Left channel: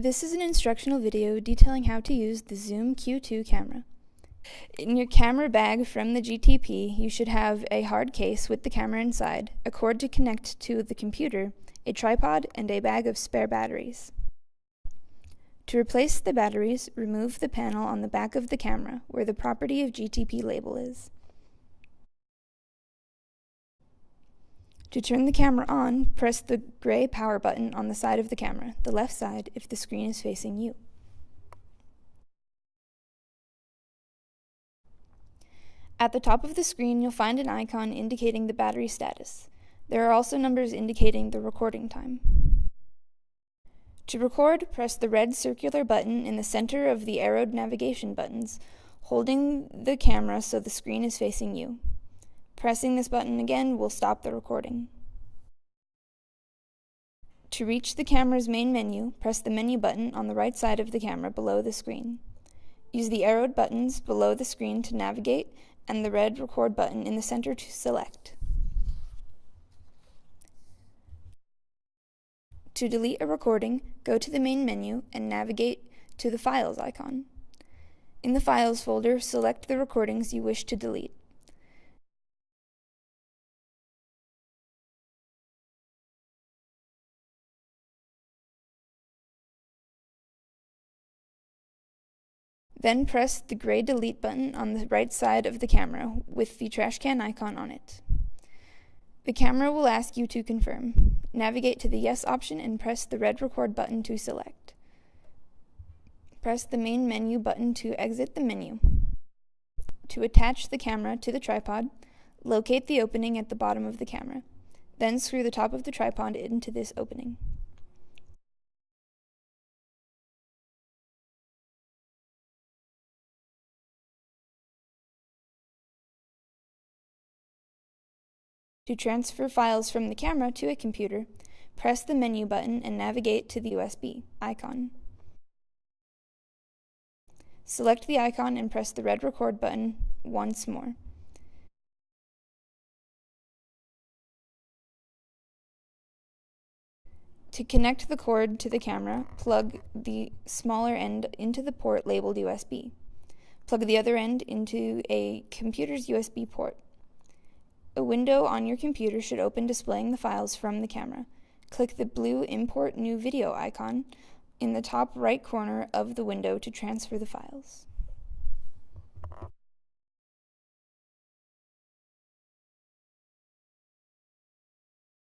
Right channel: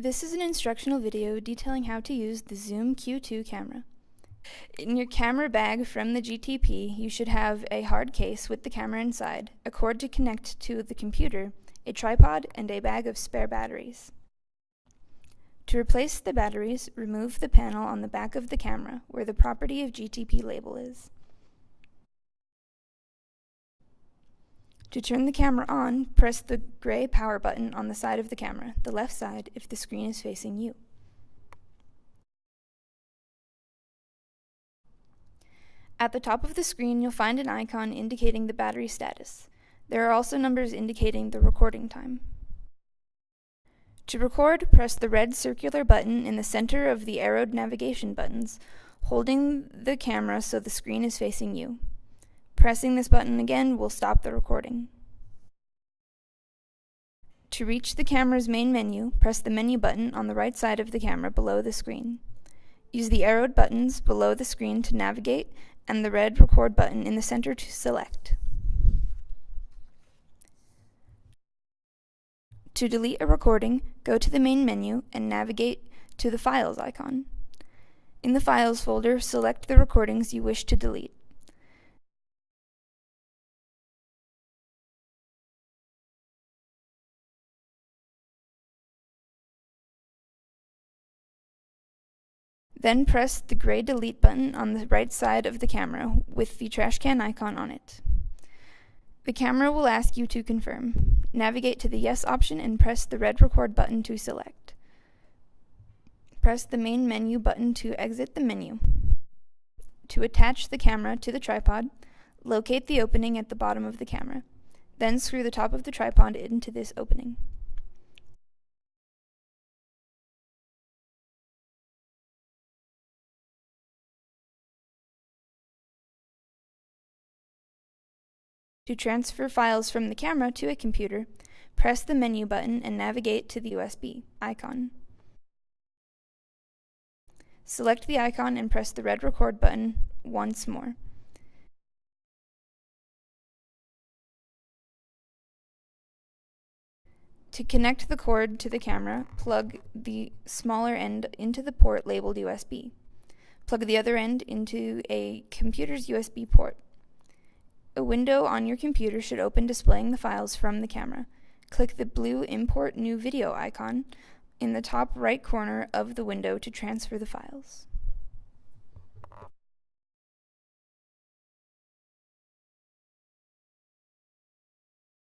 This is an instructional video detailing how to use the Zoom Q2 camera. In your camera bag from the GTP, you should have a hard case with the camera inside, a cord to connect to the computer, a tripod, and a bag of spare batteries. To replace the batteries, remove the panel on the back of the camera where the Property of GTP label is. To turn the camera on, press the gray power button on the side of the camera, the left side if the screen is facing you. At the top of the screen, you'll find an icon indicating the battery status. There are also numbers indicating the recording time. To record, press the red circular button in the center of the arrowed navigation buttons, holding the camera so the screen is facing you. Pressing this button again will stop the recording. To reach the camera's main menu, press the menu button on the right side of the camera below the screen. Use the arrowed buttons below the screen to navigate and the red record button in the center to select. To delete a recording, go to the main menu and navigate to the Files icon. In the Files folder, select the recordings you wish to delete. Then press the gray delete button on the right side of the camera with the trash can icon on it. The camera will ask you to confirm. Navigate to the Yes option and press the red record button to select. Press the main menu button to exit the menu. To attach the camera to the tripod, locate the opening at the bottom of the camera. Then screw the top of the tripod into this opening. To transfer files from the camera to a computer, press the menu button and navigate to the USB icon. Select the icon and press the red record button once more. To connect the cord to the camera, plug the smaller end into the port labeled USB. Plug the other end into a computer's USB port. A window on your computer should open displaying the files from the camera. Click the blue Import New Video icon in the top right corner of the window to transfer the files.